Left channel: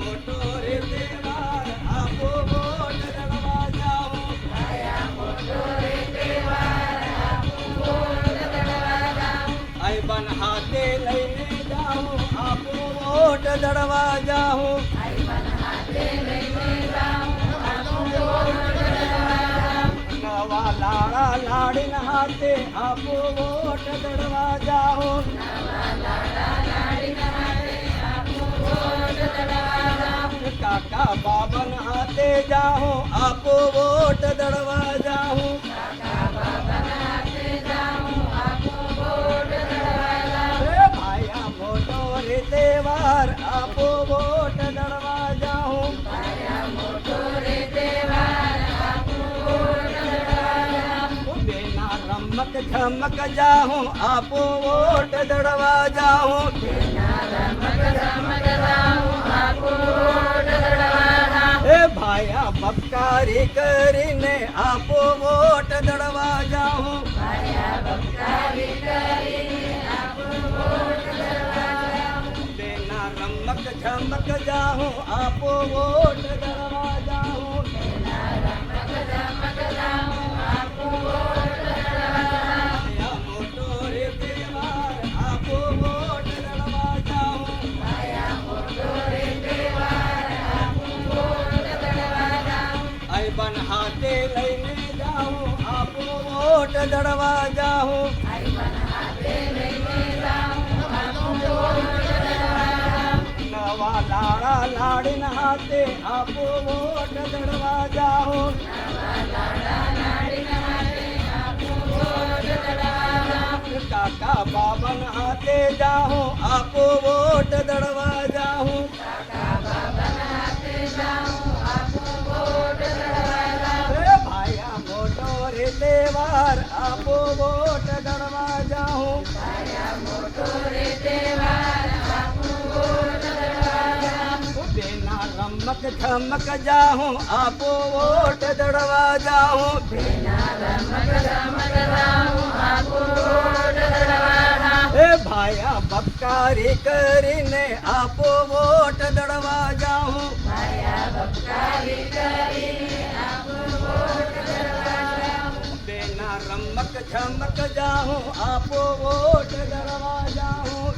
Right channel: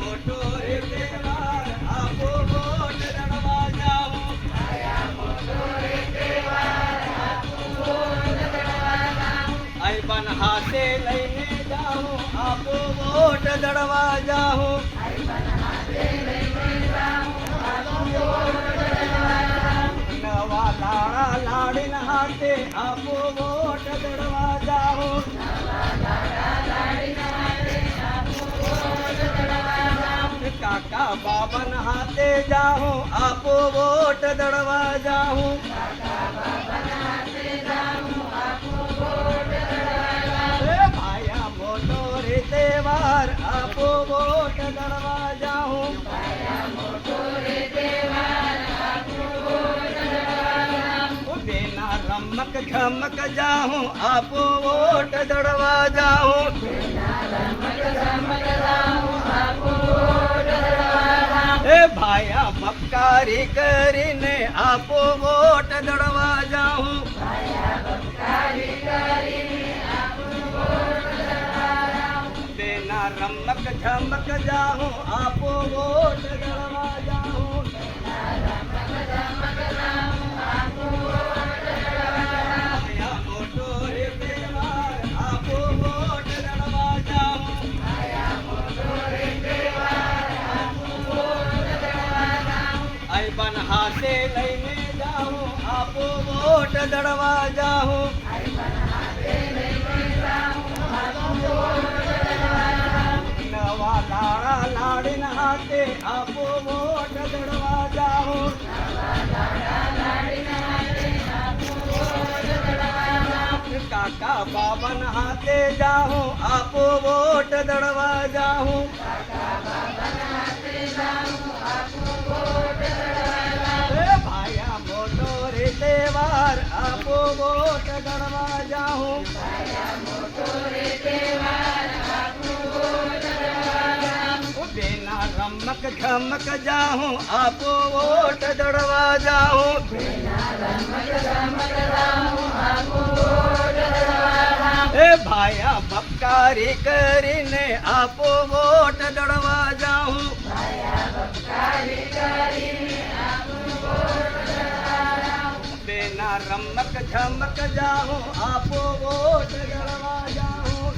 મોટો રે તહેવાર આપો વોટ દળવા જાઓ આઈ બન હાથે લઈને જાઓ આપો વોટ દળવા જાઓ નવા લાડા લાડીન હાથે આપો વોટ દળવા જાઓ કાકા બાબન હાથે જાઓ આપો વોટ દળવા જાઓ ભાયા મોટો રે તહેવાર આપો વોટ દળવા જાઓ બેના રમક ઝમક જાઓ આપો વોટ દળવા જાઓ એ ભાયા બકારી કરીને આપો વોટ દળવા જાઓ બેના રમક ઝમક જાઓ આપો વોટ દળવા જાઓ મોટો રે તહેવાર આપો વોટ દળવા જાઓ આઈ બન હાથે લઈને જાઓ આપો વોટ દળવા જાઓ નવા લાડા લાડીન હાથે આપો વોટ દળવા જાઓ કાકા બાબન હાથે જાઓ આપો વોટ દળવા જાઓ ભાયા મોટો રે તહેવાર આપો વોટ દળવા જાઓ બેના રમક ઝમક જાઓ આપો વોટ દળવા જાઓ એ ભાયા બકારી કરીને આપો વોટ દળવા જાઓ બેના રમક ઝમક જાઓ આપો વોટ દળવા જાઓ